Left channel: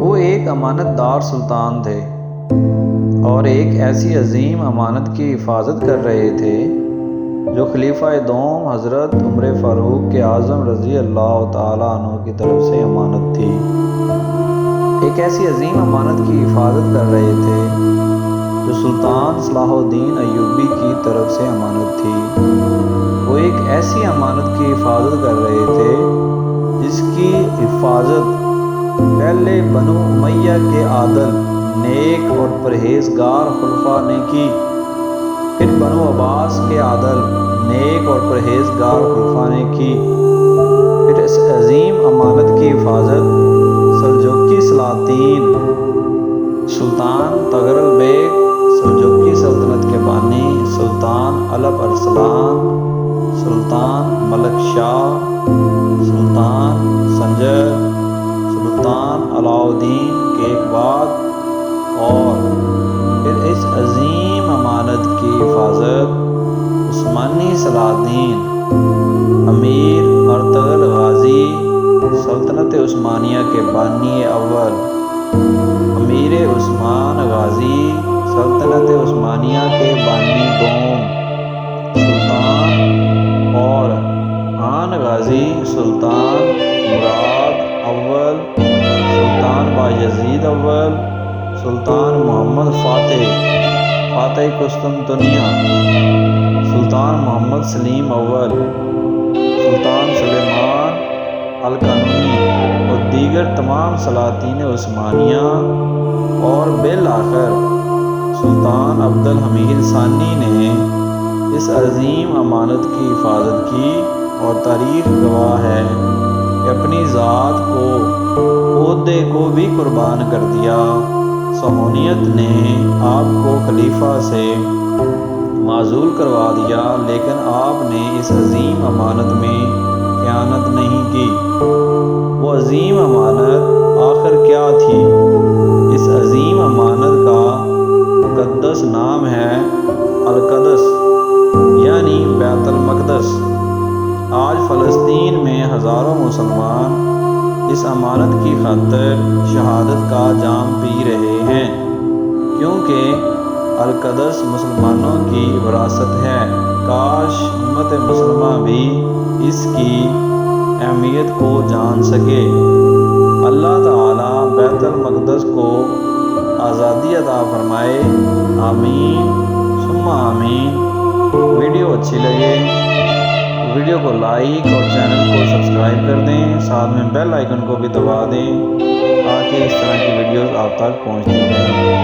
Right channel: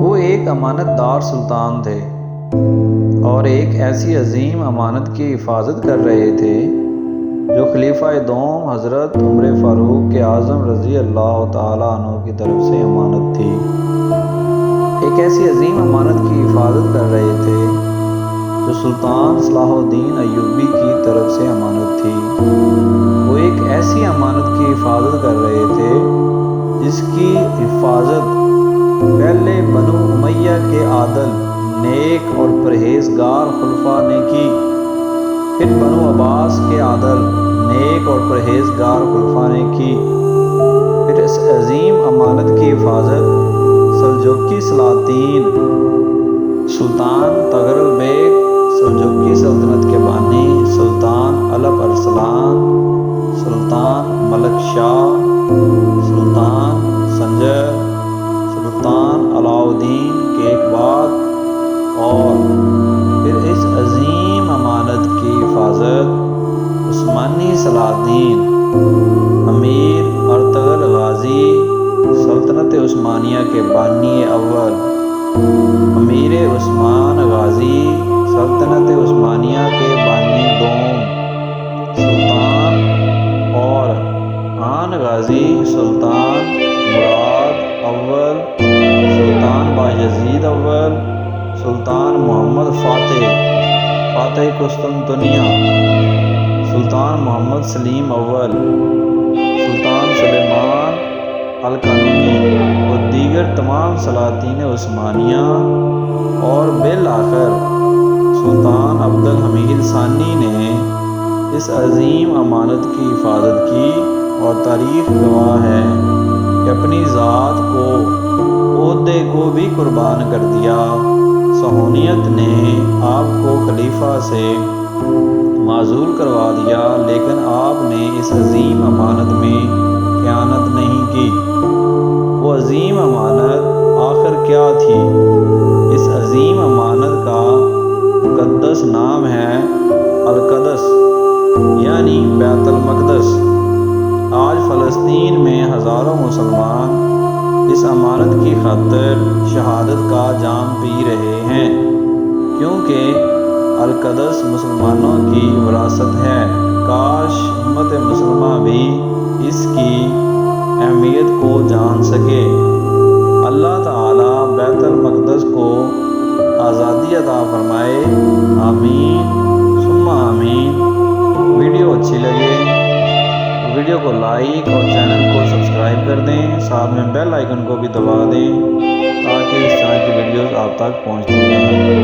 وہ ایک امانت دار سلطان تھے اور ایک ایسی عظیم امانت کی حفاظت کر رہے تھے جو خلیفہ دوم حضرت عمر فاروق اعظم رضی اللہ تعالیٰ عنہ کی طرف سے امانت تھی۔ ایک ایسی عظیم امانت کی حفاظت کر رہے تھے جو سلطان صلاح الدین ایوبی کی طرف سے امانت تھی۔ وہ ایک ایسی امانت کی حفاظت کر رہے تھے جس کی حفاظت پہلے بنو امیہ کے عادل، نیک اور پرہیزگار خلفاء نے کی، پھر بنو عباس کے عادل، نیک اور پرہیزگار خلفاء نے کی، پھر اس عظیم امانت کی حفاظت سلجوقی سلاطین سلطان طغرل بیگ، سلجوقی سلطنت کے بانی سلطان الپ ارسلان، سلطان ملک شاہ، سلطان سنجر، سلطان علاء الدین کے ایک بعد، اور پھر اس عظیم امانت کی حفاظت عثمانی سلاطین امیر ارطغرل غازی، سلطنت عثمانیہ کے بانی اول امیر عثمان غازی، سلطنت عثمانیہ کے بانی دوم سلطان اور آن غازی سلطان مراد اول، سلطان بایزید اول، سلطان محمد فاتح قسطنطنیہ، سلطان محمد سلیم اول، سلطان سلیمان القانونی اور دیگر تمام سلاطین عثمانیہ، اور بالآخر سلطان عبد الحمید ثانی نے اس عظیم امانت کی حفاظت کی، اور تاریخ گواہ ہے کہ اپنی ذات کو، عہدے کو بھی قربان کر دیا۔ صہیونیت نے آپ کو خلیفہ سے معزول کروا دیا، لیکن آپ نے اس عظیم امانت میں خیانت نہیں کی۔ وہ عظیم امانت آخر کیا تھی؟ اس عظیم امانت کا مقدس نام ہے القدس، یعنی بیت المقدس۔ آج فلسطین میں ہزاروں مسلمان اس امانت کی خاطر شہادت کا جام پی رہے ہیں، کیونکہ القدس مسلمانوں کی وراثت ہے۔ کاش امت مسلمہ بھی اس کی اہمیت کو جان سکے۔ اللہ تعالیٰ بیت المقدس کو آزادی عطا فرمائے، آمین ثم آمین۔ ویڈیو اچھی لگے ویڈیو کو لائک اور چینل کو سبسکرائب کر دیں، ساتھ میں بیل آئیکن کو بھی دبا دیں تاکہ اس طرح کی ویڈیوز آپ تک پہنچتی رہیں۔